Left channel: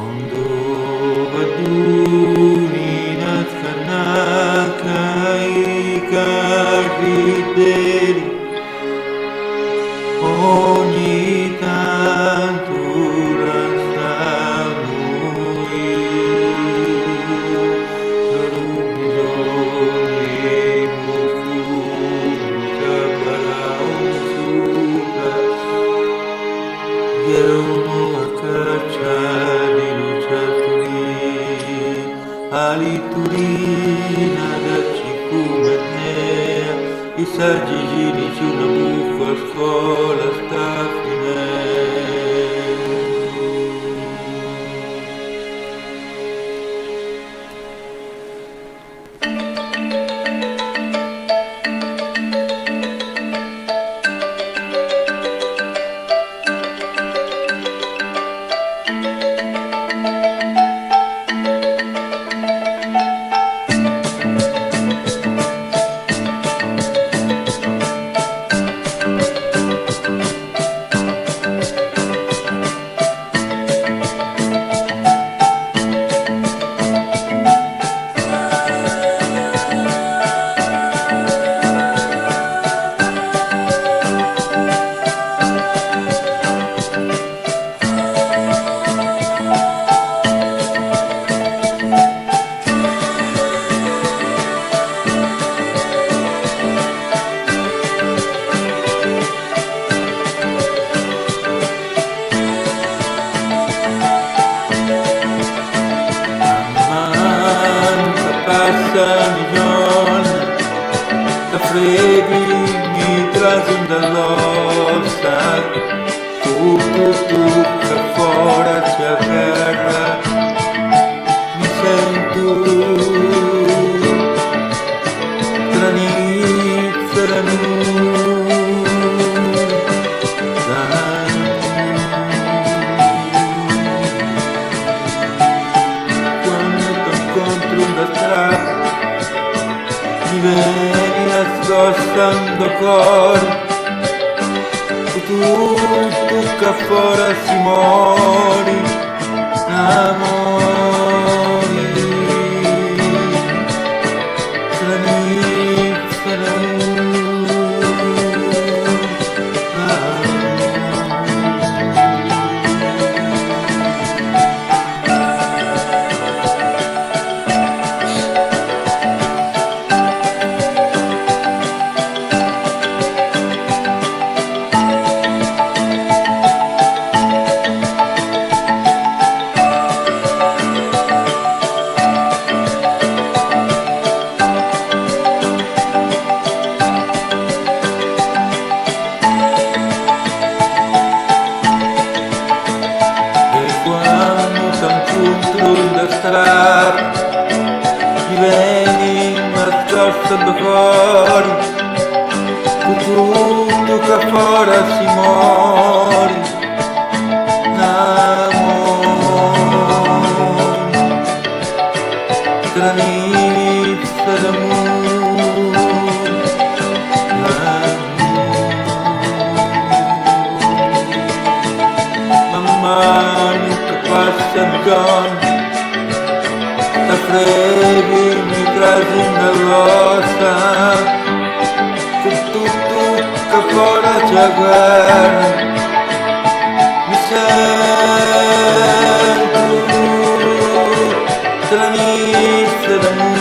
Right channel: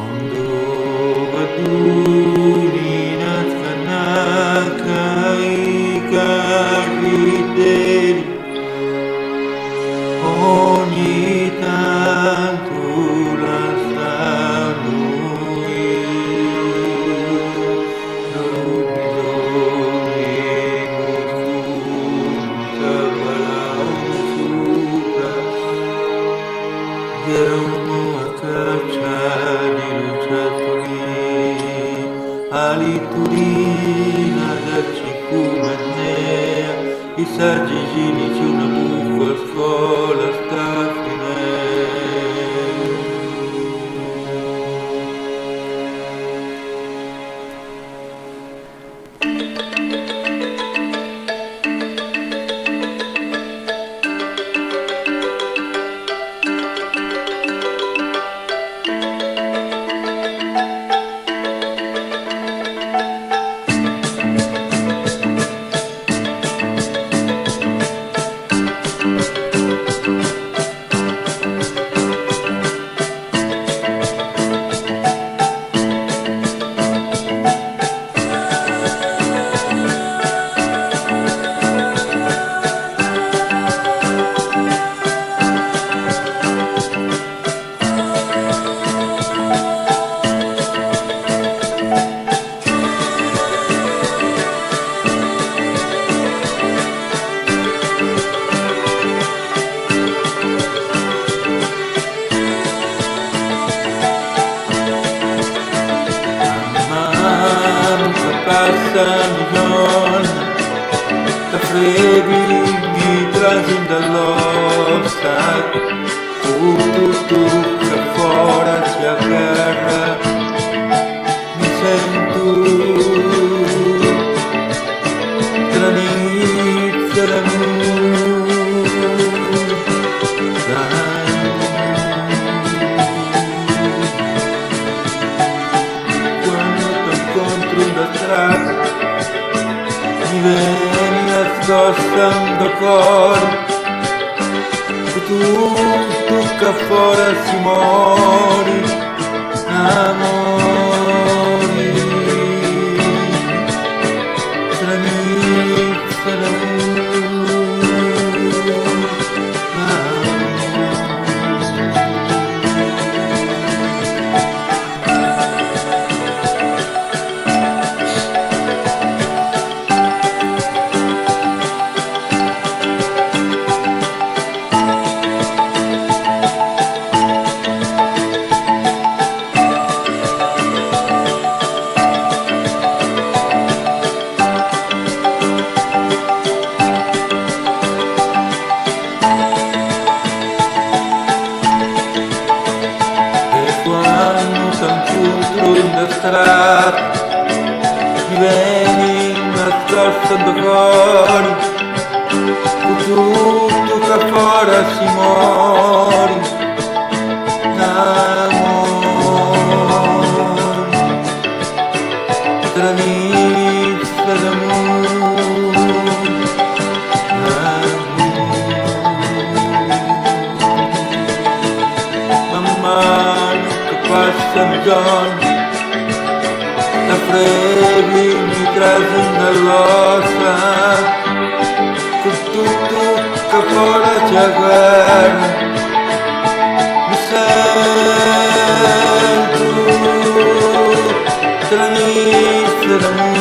Ondo baduninas kanakai karideri ogni tanto lasciarmi non ho bisogno muscolo balausuka Gerono a caccia di lucertoli ali turina da cicumetnea i saggi ginici una buffa a scuola sta finendo. Passano i giorni, da freddi mi trascini dall'ossa, tu che fuori si aggarra, mi sento tranizia la quando ti incontro da strada mi vieni nascostando cuore tu che fuori si mori amori tranizia quando t'incontro in la strada mi vieni nascostando fuori con tutto che fuori si mori amore tranizia d'amore man mano che passano i giorni da freddi mi trascini dall'ossa con tutto che fuori c'è guerra mi sento tranizia d'amore